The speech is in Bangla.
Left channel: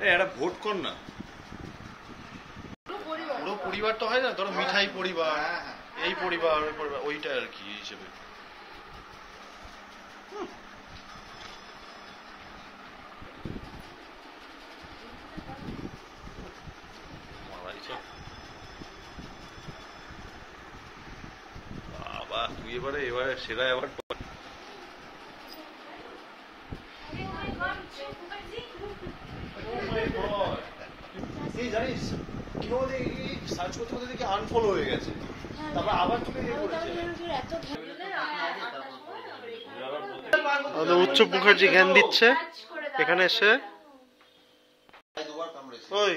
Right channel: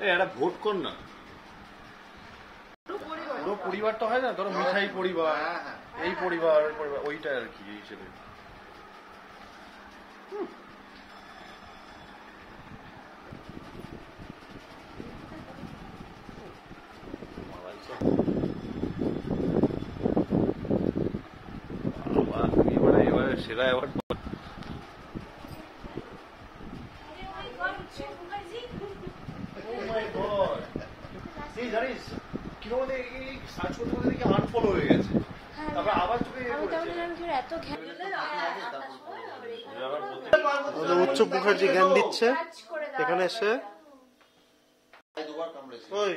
এটা ভোট কর না, পুরো পরিবার তো হয় না, ধরো মিঠাই পরিবার, এই পরিবার ওইটা আর কি হিসেবে। বাবা এবারে সেরা এবার জানিস কি সার্চ করতে করতে দেখি আনফলো হয়ে গেছে, তারপর আবার উচ্চ মুখার্জি জ্ঞান দিচ্ছে এখানে এসে। ওই